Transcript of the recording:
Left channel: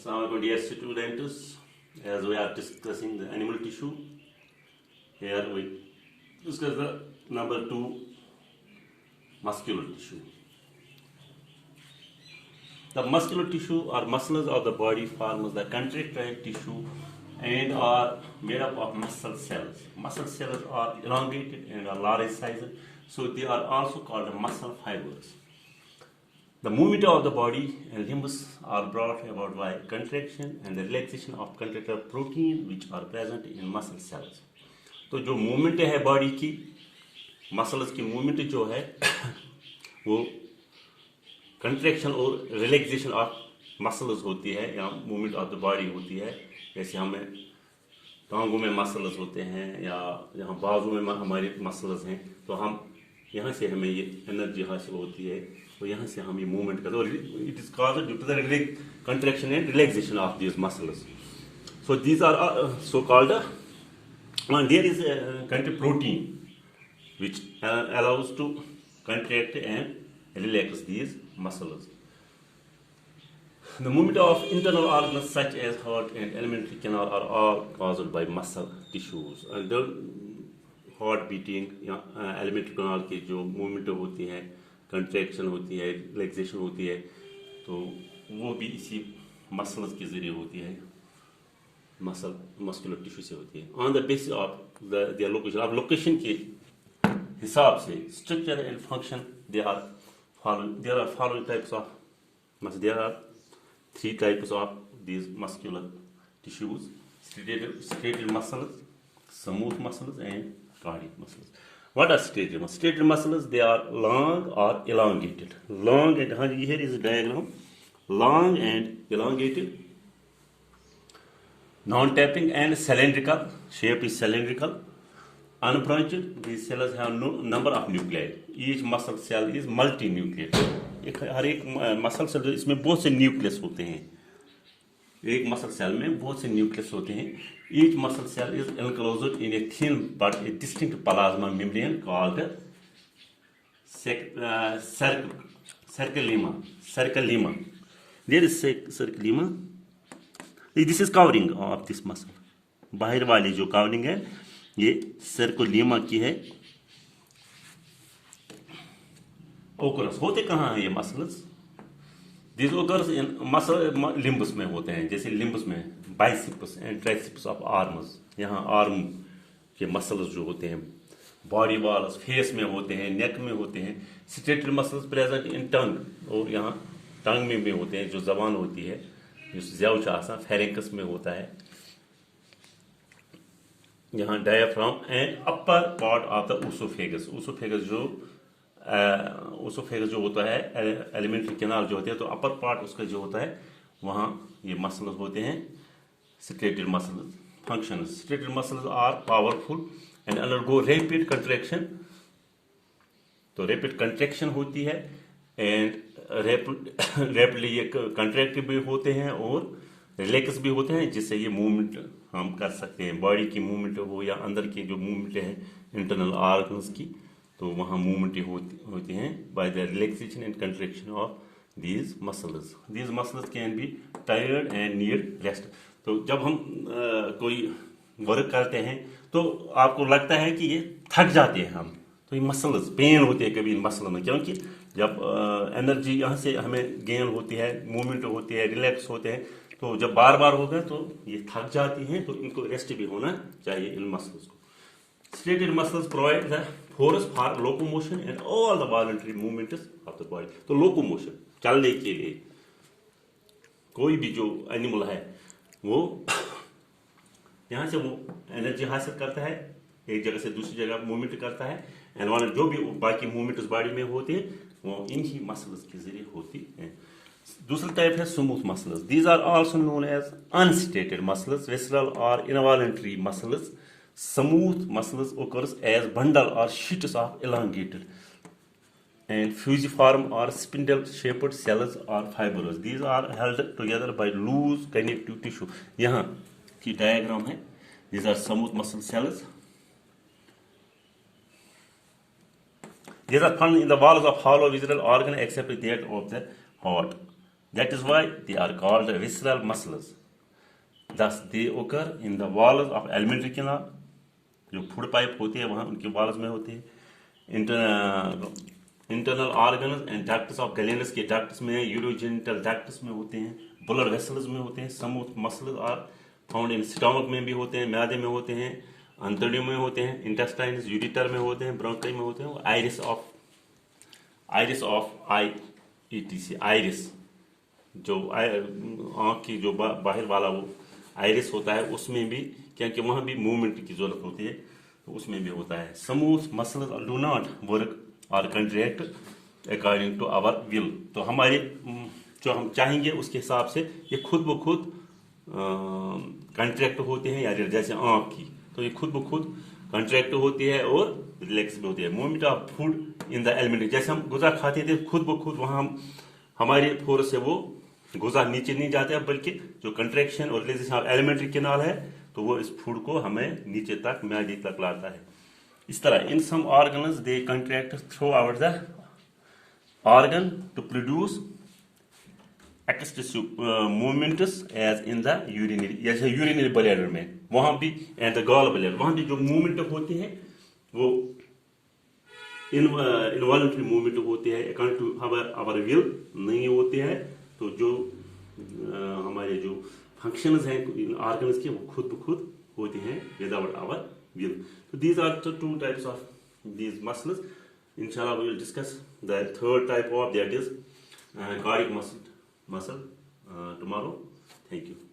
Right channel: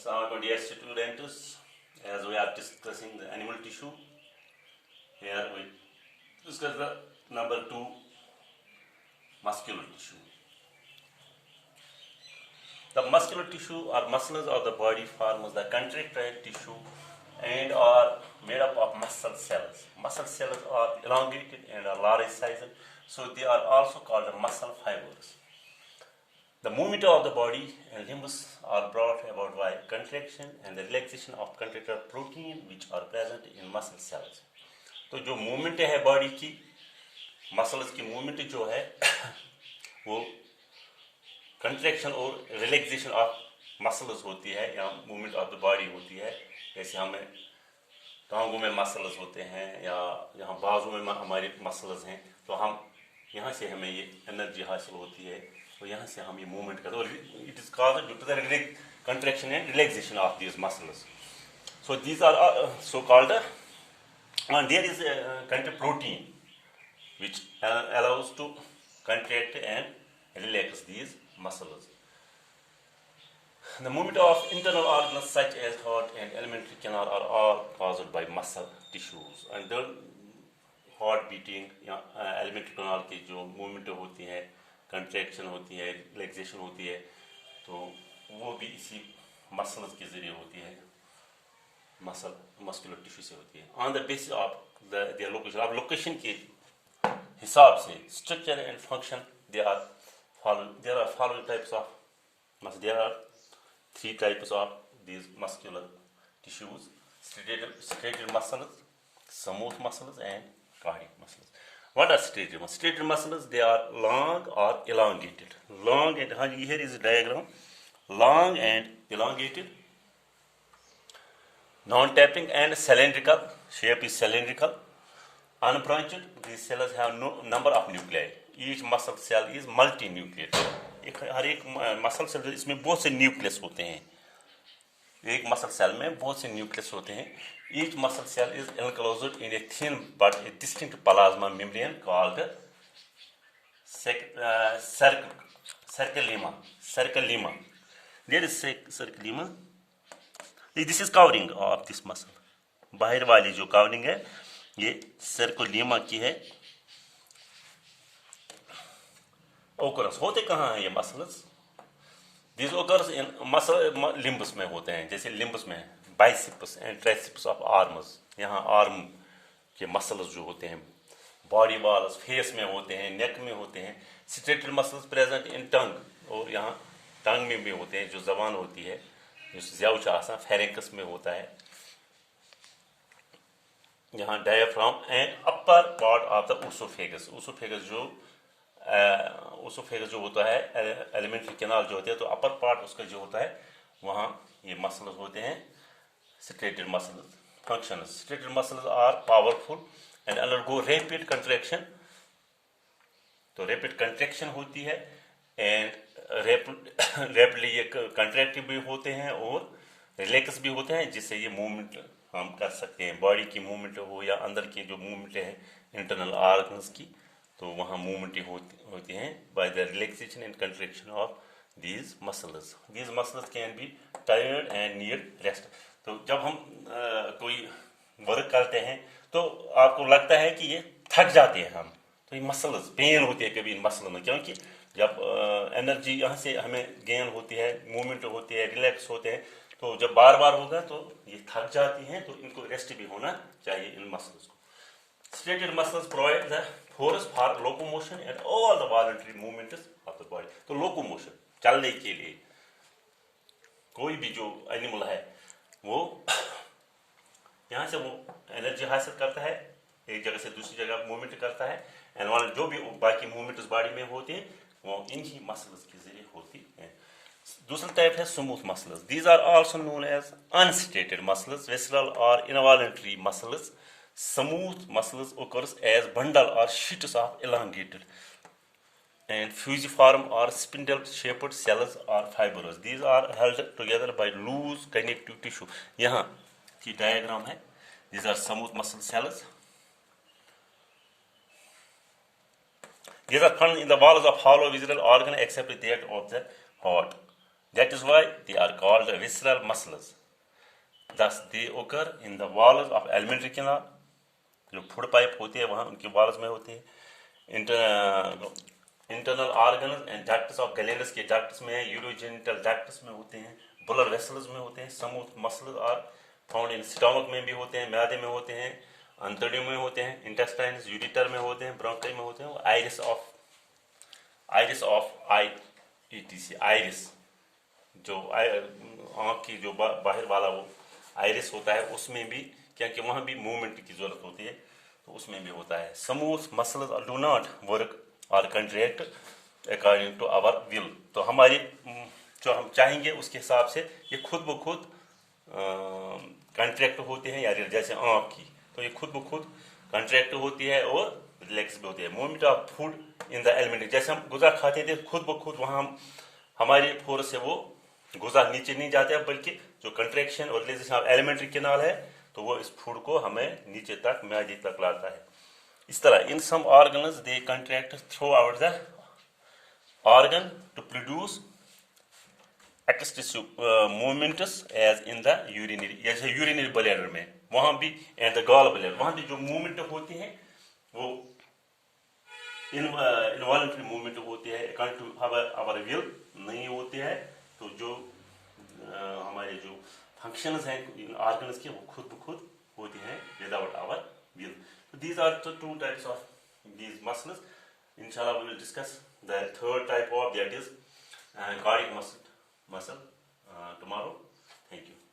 Assalamualaikum dear students, as we are discussing the animal tissue, here we discuss the number 2 muscular tissue. The muscular tissue or muscles of the body forms the contractile tissue and are made up of muscle cells. Muscle cells are elongated and are large size, so they are also called muscle fibers. The movement of the body and limbs are brought about by contraction and the relaxation of contractile protein which are present in muscle cells. तो जो movement है body की, muscles की movement जो है वो contraction और relaxation of muscles होती है या मूवमेंट ऑफ द बॉडी होती है. जैसे हमें टांगों में मसल्स होते हैं या यहाँ बाजू में हमारे मसल्स हैं, तो हम यहाँ से हमें ये एनर्जी हासिल होती है, तो यहाँ से हम ये मूवमेंट करते हैं. और it is caused due to the contraction and relaxation of these muscles. So these are so called and there is a contractile protein which allows to contract and relax these muscles. The movement of internal organs such as heart and alimentary canal are all caused by muscle tissues. And the heart beating या alimentary canal की जो movement होती है, contraction होती है, relaxation होती है, तो वो भी इसी muscles के जरिए होती है. मस्कुलर टिश्यू से होती है. On the basis of their location, आप लोकेशन के हिसाब से structure and function there are following types of there are 3 types of these muscular tissues: striated muscles, smooth muscles and cardiac muscles. What are striated muscles? Striated muscles, they are long or elongated. Long and here is a diagram. Long and elongated, non-tapping and cylindrical. Shape is cylindrical. Unbranched, these cells have no number of nuclei. Each muscle cell is multinucleated. हर एक muscle cell जो इसमें बहुत से nucleus होते हैं. एक muscle cell में बहुत से न्यूक्लियस होते हैं. Each muscle cell is enclosed in a thin but a distinct plasma membrane called sarcolemma. Sarcolemma. There is sarcolemma. This is covering of this muscle. बाहर वाली जो कवरिंग है ये सर्कोलीमा की है. ओकरस होते कहाँ हैं ये muscles? This occurs in muscle limbs में होते हैं. जैसे लिम्बस में biceps and triceps of arms, यहाँ आर्म के मसल्स जो होते हैं, बॉडी वॉल्स फेस में होते हैं, नेक में होते हैं. स्ट्रेटेड मसल्स प्रेजेंट इन टंग, और यहाँ टंग में भी होते हैं, जो जबान होती है, ज़्यादा आसान फेरेंकस में होता है. यहाँ diaphragm and upper part of the oesophagus. Oesophagus जो होता है, एलिमेंट्री कैनाल जो होते हैं, तो अपर पार्ट उसका जो होता है वहाँ ये मसल्स होते हैं. Striated muscles function. Striated muscles are powerful and undergo rapid contraction. तो रैपिड कंट्रैक्शन होती है एंड रैपिडली ये कंट्रैक्टिव भी होते हैं और रिलैक्स भी होते हैं, जिससे ये मूवमेंट हम कर सकते हैं. बॉडी की मूवमेंट हो या अंदर की जो मूवमेंट है इंटरनल ऑर्गन्स की, तो वहाँ मूवमेंट होती हैं by the relaxation and contraction of these muscles. These muscles can be tired and need rest. तो जब हम कोई वर्क करते हैं तो आपको लगता है कि ये थक जाते हैं हम, तो ये मसल्स पेन होती है कभी इन मसलों में, क्योंकि जब एनर्जी यहाँ से हमें गेन होती है, मूवमेंट होती है, रिलैक्स होते हैं, तो जब बार बार होगा तो ये थक जाती हैं, तो इनको रेस्ट भी होना चाहिए इन मसल्स को. Striated muscles provide the force for locomotion and all the voluntary movements of the body. तो लोकोमोशन, चलने के लिए कोई भी जो एनिमल है वो यहाँ से वो एनर्जी हासिल करता है, एक जगह से दूसरी जगह मूवमेंट करता है, एंड जो भी बाकी मूवमेंट उस बॉडी में होते हैं वो इन्हीं मसल्स के जरिए होती है. दूसरा टाइप है smooth muscles. These are also known as unstriated muscles, visceral और involuntary muscles. Smooth muscles occurs as bundle or sheets of elongated and fusiform or spindle shaped cells or fibers. These are held together by loose connective tissue. यहाँ की diagram है. These are smooth muscle cells. These are found in the walls of hollow visceral organ except that of the heart. That is why they are called visceral muscles. Thus, they occur in the walls of alimentary canal. जो food pipe होते हैं वहाँ उनके walls में होते हैं. Internal organs and ducts of glands के ducts में, यूरोजेनिटल डक्ट्स में होते हैं, ब्लड वेसल्स में होते हैं. Smooth muscles are found in stomach में भी होते हैं, मैदे में होते हैं, अंतड़ियों में होते हैं, इंटेस्टाइन्स यूरिटर में होते हैं, ब्रोंकाई में होते हैं. Iris of I etc, iris जो आँख की जो बाहर वाला वो आइरिस होता है उसमें भी, क्योंकि वहाँ भी मूवमेंट की जरूरत होती है तो उसमें भी होता है. Smooth muscles do not work और contract according to our will. तो हमारे जो हम चाहेंगे उसके हिसाब से ये खुद ब खुद कंट्रैक्ट होते हैं. या जैसे आँख की, तो ये खुद ब खुद कंट्रैक्ट होती है और रिलैक्स भी होती है. Movement of food in the alimentary, जैसे हम गुजा खाते थे खुद ब खुद वहाँ हम हमारे फोर्स से वो गुजा नीचे नहीं जाता है, बल्कि जो कंट्रैक्शन और रिलीजेशन ऑफ एलिमेंट्री कैनाल है तो वो इस फूड को हमें नीचे तक मैदे तक लाता है. इस तरह in some organs they contract throughout the organ to produce extensive movements as in the urinary, जैसे यूरिनरी ब्लैडर में वहां भी एंड द गॉल ब्लैडर वहां भी जो मूवमेंट होती है वो इनवॉल्यूंटरी मूवमेंट होती है, अकॉर्डिंग टू आवर विल नहीं होती है. तो जो हमारे जो फंक्शंस हैं ऑर्गन्स के वो खुद ब खुद होते हैं विदाउट आवर विल. तो these are the two types of these muscles. इंशाल्लाह we will discuss the third type of, that is cardiac muscle tomorrow. Thank you.